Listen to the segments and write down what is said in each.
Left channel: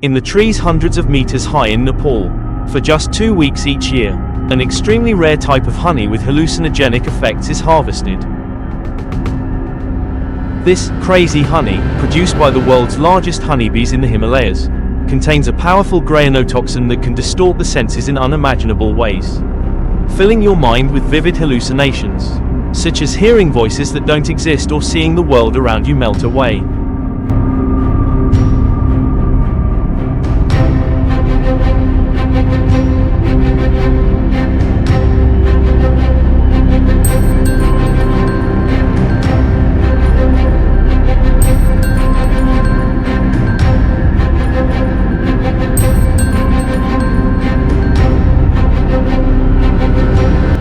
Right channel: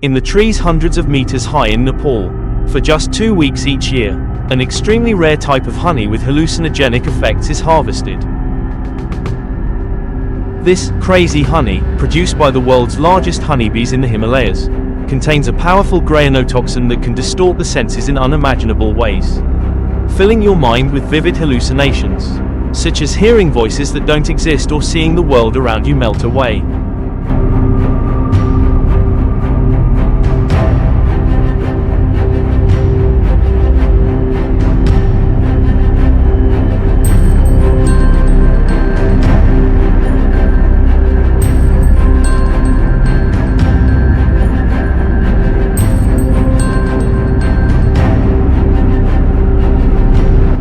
in the trees hundreds of meters high in Nepal, for just 2 weeks each year, an extremely rare type of honey with hallucinogenic effects is harvested. This crazy honey, produced by the world's largest honeybees in the Himalayas, contains a powerful grayonotoxin that can distort the senses in unimaginable ways, filling your mind with vivid hallucinations, such as hearing voices that don't exist or seeing the world around you melt away.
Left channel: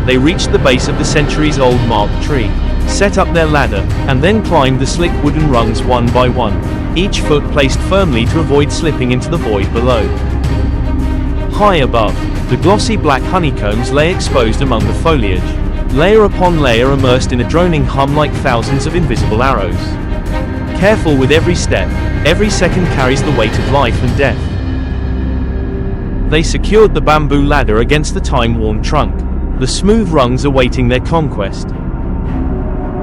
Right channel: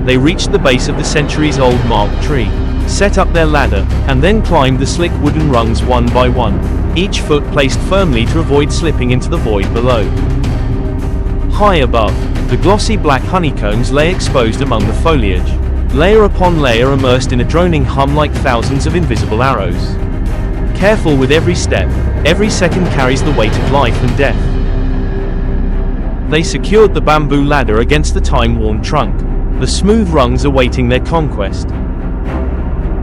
They reached the base of the centuries-old mark tree, set up their ladder, and then climbed the slick wooden rungs one by one, each foot placed firmly to avoid slipping into the void below. High above, the glossy black honeycombs lay exposed among the foliage, layer upon layer immersed in a droning hum like thousands of invisible arrows. Careful with every step, every second carries the weight of life and death. They secured the bamboo ladder against the time-worn trunk, the smooth rungs awaiting their conquest.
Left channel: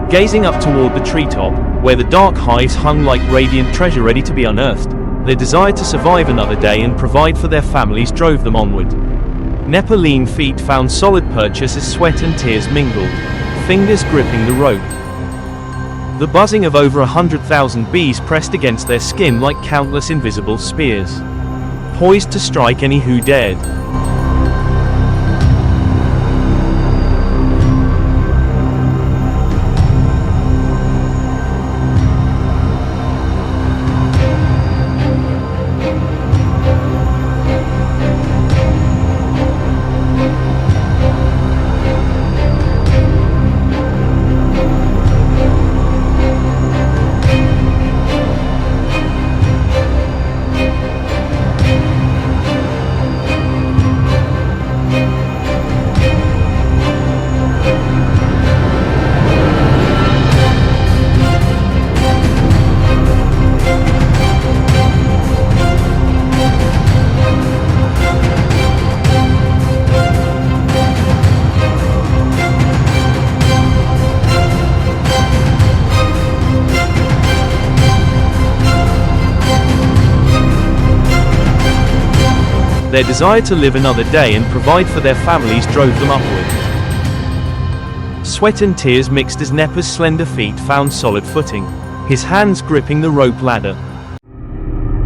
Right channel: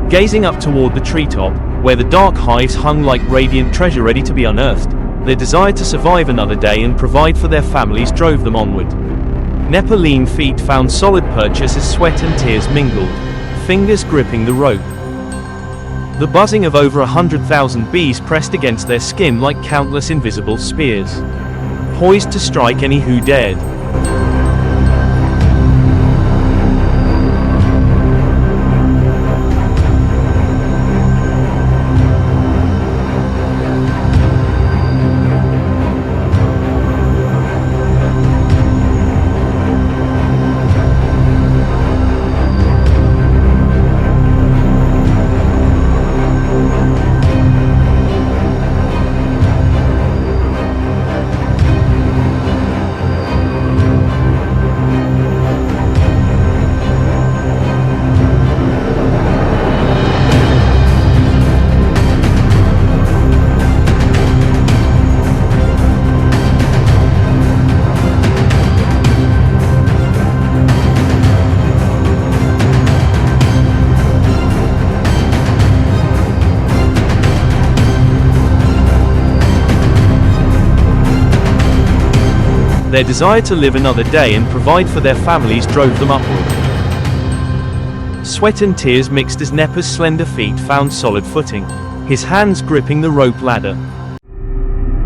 Gazing up toward the treetop, where the dark hives hung like radiant treasure ready to be unearthed, their desire to survive another day and provide for their families drove them onward. Nepaline feet found solid purchase as sweat and tears mingled, fingers gripping the rope. The buzzing of over 100,000 bees pressed against their skin like countless invisible spears, poised to strike any who dared. Their desire to live another day and provide for their families drove them upward. Sweat and tears mixed as Nepa's slender feet found solid footing, his hands gripping the rope ladder.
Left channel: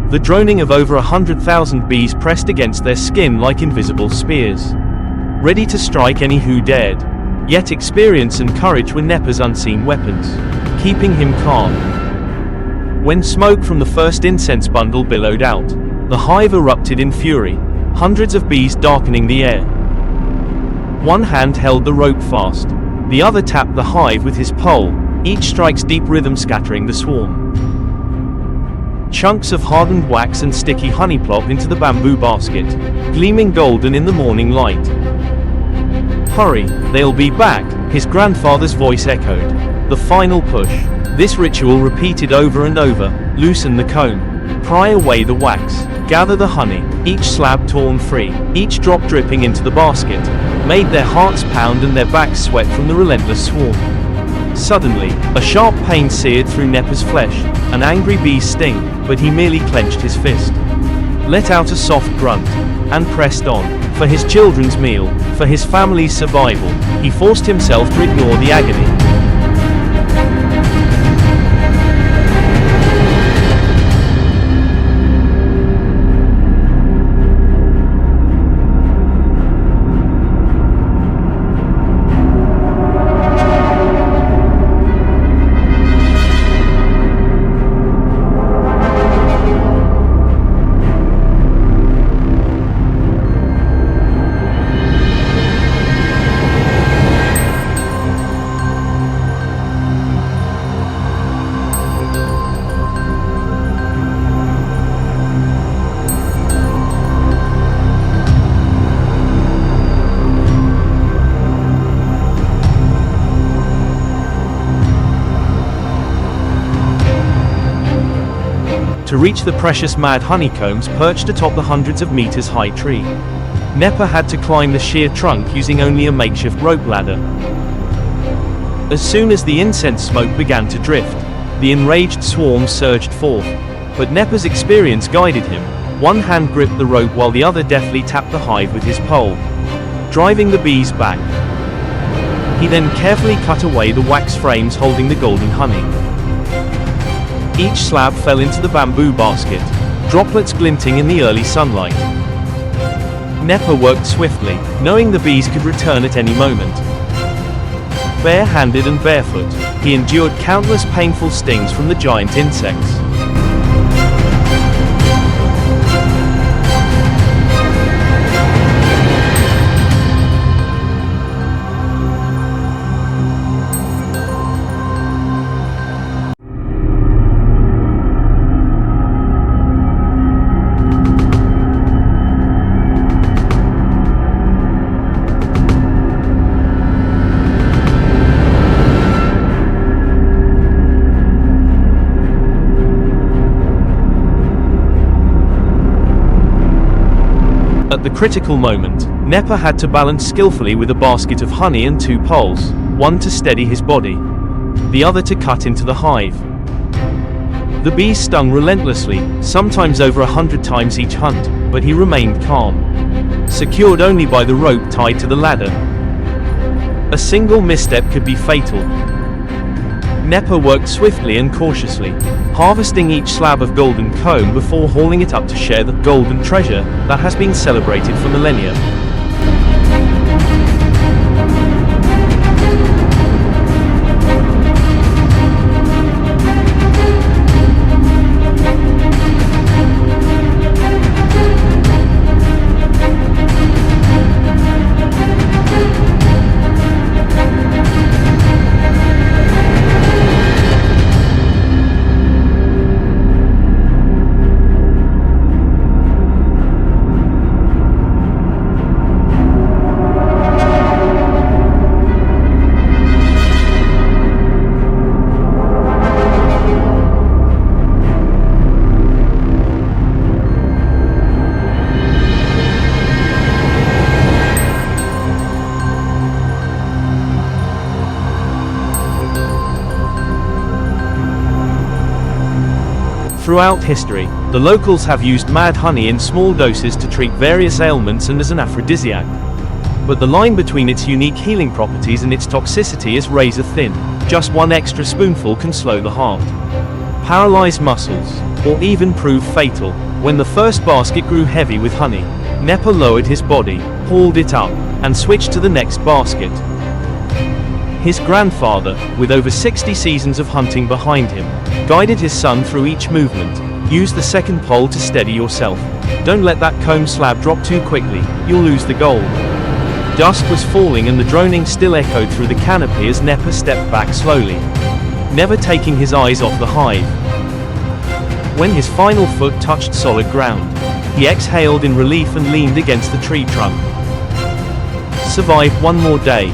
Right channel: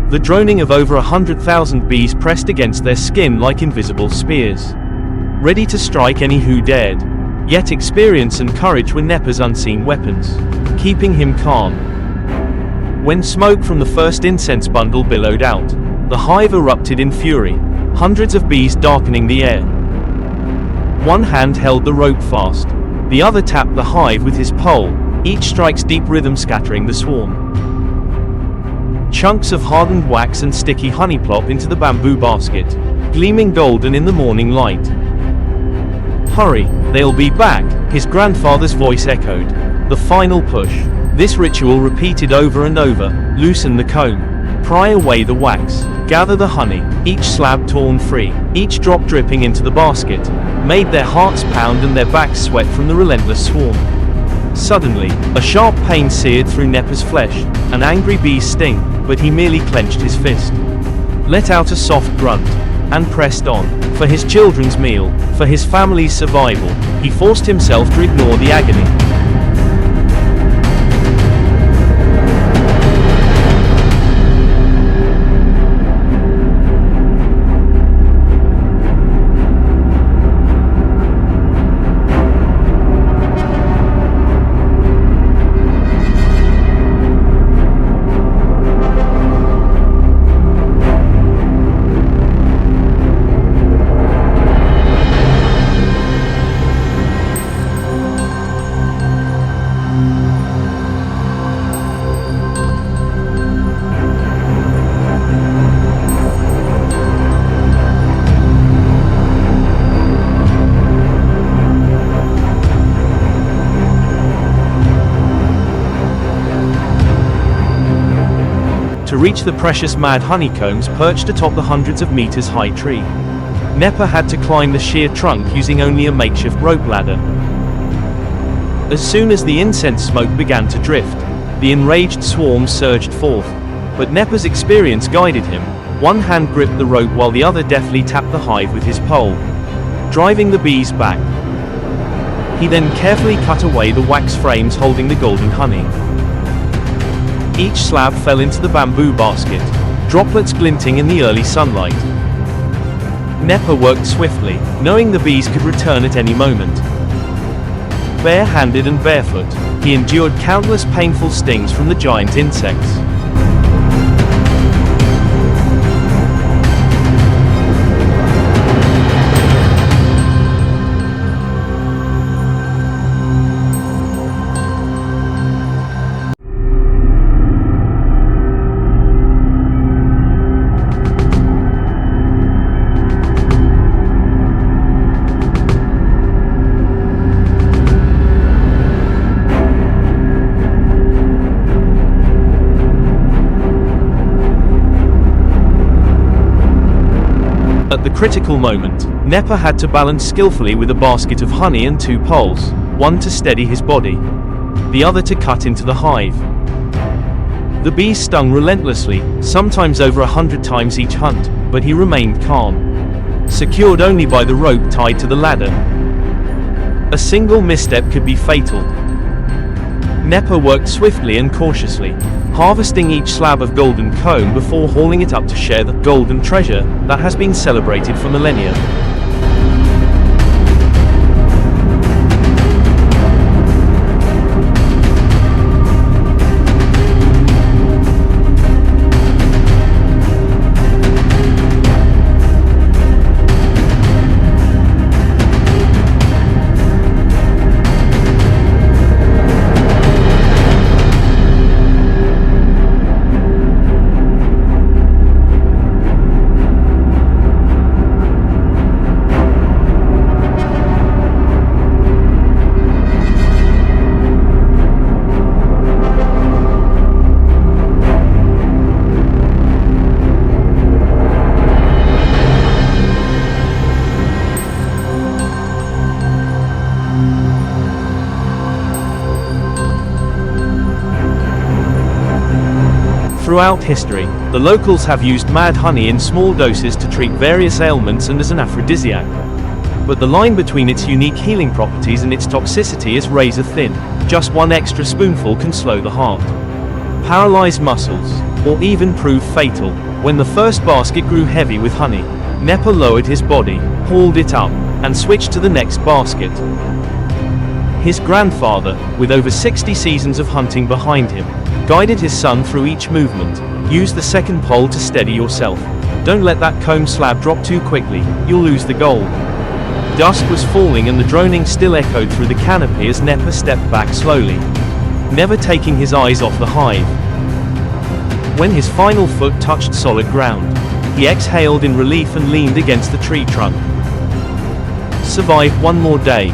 The droning of over 100,000 bees pressed against their skin like invisible spears, ready to strike any who dared. Yet experience and courage were Nepa's unseen weapons, keeping him calm. When smoke from the first incense bundle billowed out, the hive erupted in fury, hundreds of bees darkening the air. One hand held the rope fast, the other tapped the hive with his pole, each strike's deep rhythm scattering the swarm. Chunks of hardened wax and sticky honey plop into the bamboo basket, gleaming golden in the morning light. "Hurry, they'll be back," his grandfather's voice echoed. The final push. This ritual repeated over and over. Loosen the comb, pry away the wax, gather the honey, each slab torn free, each drop dripping into the basket, made their hearts pound and their backs sweat from the relentless swarm. Suddenly, a sharp pain seared through Nepa's flesh, an angry bee's sting, but he merely clenched his fist, let out a soft grunt, and pressed on. For his children's meal, for his family's survival, he forced himself to ignore the agony. to reach the precious mad honeycombs perched atop the hundreds of meters high tree. Nepa had to climb the sheer trunk using only a makeshift rope ladder. As soon as the incense smoke began to drift, the enraged swarm surged forth. But Nepa's experience guided him. One hand gripped the rope while the other deftly tapped the hive with his pole, driving the bees back. He then carefully cut away the wax frames holding the golden honey. Each slab fell into the bamboo basket, droplets glinting in the early sunlight. Nepa worked swiftly, knowing the bees could return at any moment. Bare-handed and barefoot, he endured countless painful stings from the giant insects. At the critical moment, Nepa had to balance skillfully with a basket of honey and two poles, one to steady his body, the other to cut into the hive. The bees stung relentlessly, sometimes over 100 times each hunt, but he remained calm, secured only by the rope tied to the ladder. A single misstep could be fatal. Nepa worked swiftly and cautiously, harvesting each slab of golden comb before hauling it up to share the golden treasure that has been celebrated for millennia. Throughout history, the locals have used mad honey in small doses to treat various ailments and as an aphrodisiac. But the line between its unique healing properties and its toxicity is razor thin. Just one extra spoonful can slow the heart, paralyze muscles, or even prove fatal. When the first basket grew heavy with honey, Nepa lowered his body, hauled it up, and switched to the next basket. His grandfather, with over 60 seasons of hunting behind him, guided his son through each movement. Use the second pole to steady yourself. Don't let that comb slab drop too quickly, you'll lose the gold. Dusk was falling and the droning still echoed through the canopy as Nepa stepped back slowly, never taking his eyes off the hive. When his final foot touched solid ground, he exhaled in relief and leaned against the tree trunk. Survived one more day.